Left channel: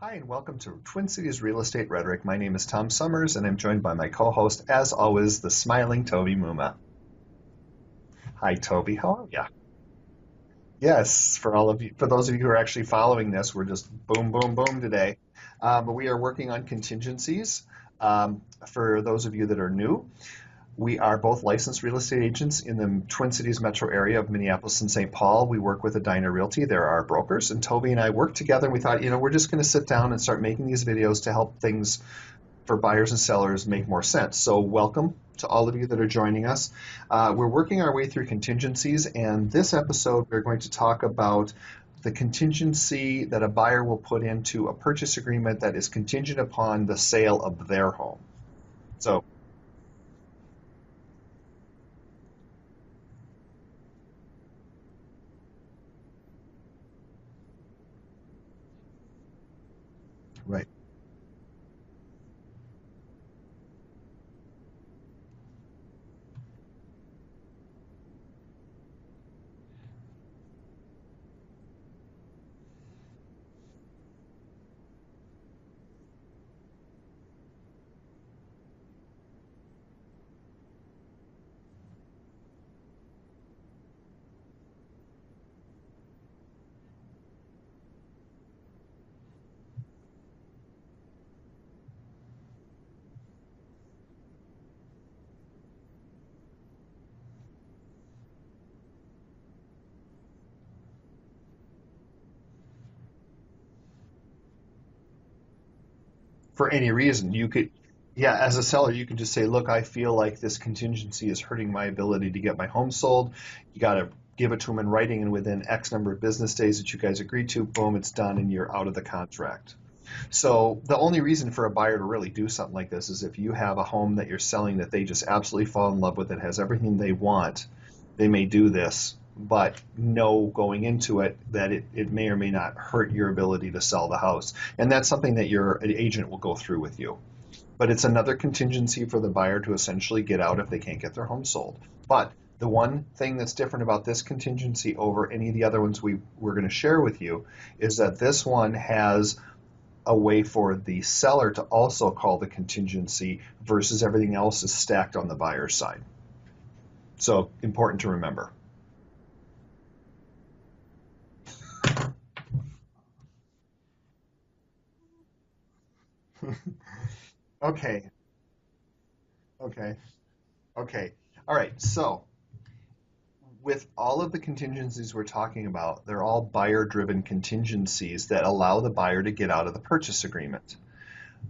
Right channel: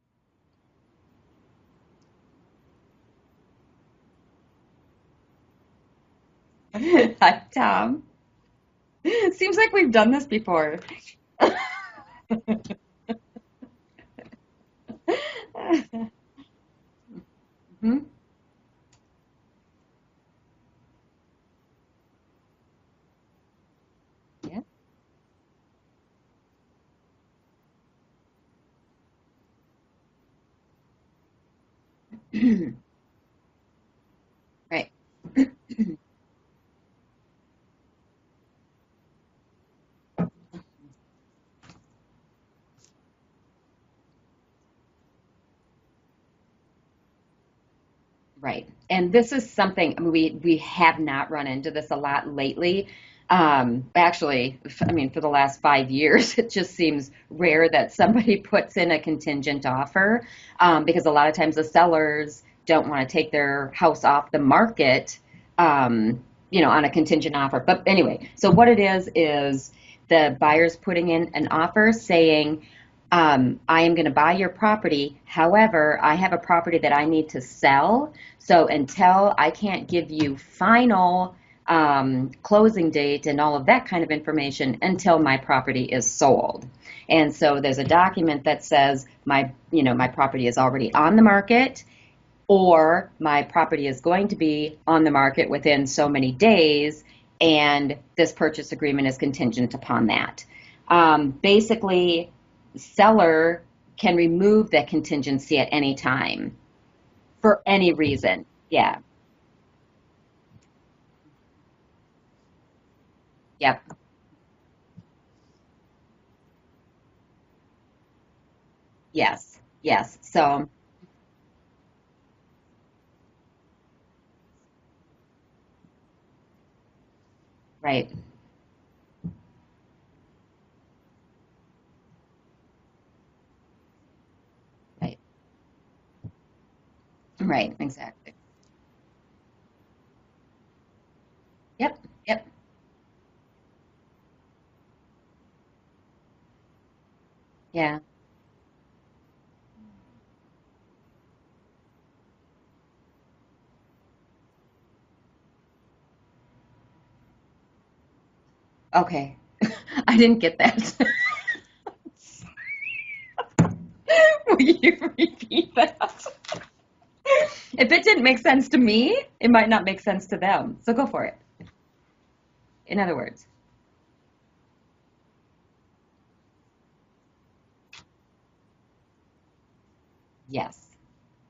Hi, and welcome to Twin Cities Real Estate Rhetoric. My name is Tom Sommers, and I'm joined by my co-host, as always, the smiling Toby Muma. Hi, Tom. Hi, Toby. How are It ya? seems like we've done this before. Yes, for all of you, for those of you who are actually following this, we're just boom, boom, boom today. But we are working on contingencies. Mhm. For those of you that are new, we are both licensed real estate agents in the Twin Cities metro area of Minneapolis and St. Paul. We work with Edina Realty. They're our brokers, and Toby and I worked together, and we thought, we're just going to sit down and start making these videos to help things for buyers and sellers make more sense. So Right. welcome to all of you that are joining us. We're working our way through contingencies, and this episode we're going to talk about the contingency that a buyer will put into a purchase agreement that is contingent upon the sale of their home. Right. And So this is something, I mean, we have not run into this a lot lately. Actually, for the last 5 years, it just seems rare that somebody puts in a contingent offer, right. because a lot of times the sellers don't want to take their house off the market, on a contingent offer. But anyway, so what it is the buyer's putting in an offer saying, I am going to buy your property. However, I have a property that I need to sell. So until I can't give you final closing date and all of that kind of information until my property is sold. And so there's a document that says my property is already on the market, or my property is going to be on the market within so many days, and this purchase agreement is contingent upon that. Basically, seller can remove that contingency at any time For any reason. for any reason. Yeah, as a seller, Yeah. you can just say, look, I feel like this contingency is hurting my ability to get my home sold. You Yep. got to give it to them in writing, and within X number of business days that you guys agreed to, boom, it's done, and you're out of the Yes. contract. Yes. So the only reason for a buyer to really do something like this is if you have a home that you're selling that they just absolutely fall in love with, that has everything they want, Right. they may do this, but know going into it that it may or may not hurt your ability to sell the house. And that's Right. something that your agent will go through with you. Right. But it's another contingency for the buyer to essentially get out if they can't get their home sold. Yep. But Yep. the one thing that's different about this contingency over any of the other ones we're going to share with you Yeah. is that this one has a way for the seller to also call the contingency versus everything else is stacked on the buyer's side. So important to remember. Okay. I didn't get that. Will you repeat that? Okay. If it didn't make sense to me, it might not Okay. make sense to them. So go Okay. for it. All right. So In other words. with all of the contingencies we're talking about, they're all buyer-driven contingencies that allow the buyer to get out of the purchase agreement. Yes.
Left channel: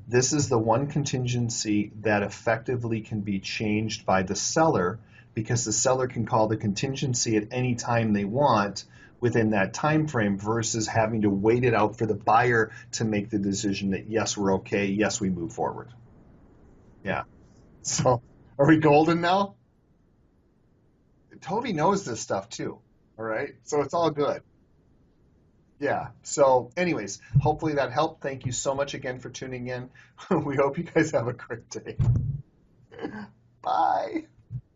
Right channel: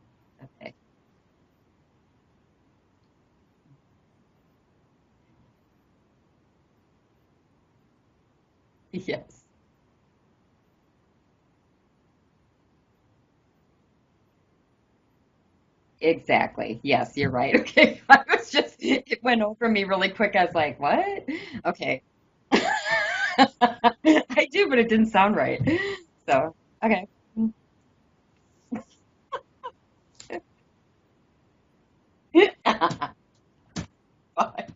This is the one contingency that effectively can be changed by the seller because the seller can call the contingency at any time they want Yes. within that time frame versus having to wait it out for the buyer to make the decision that yes, we're okay, yes, we move forward. Exactly. Yes, Yeah. you're right. Okay. So, I was are we golden it went now? over me really quick. I was like, what? Toby Okay. knows this stuff too. All right. So it's all good. I do, but it didn't sound right. Yeah. So, okay. Anyways, hopefully that helped. Thank you so much again for tuning in. We hope you guys have a great day. Bye. Bye.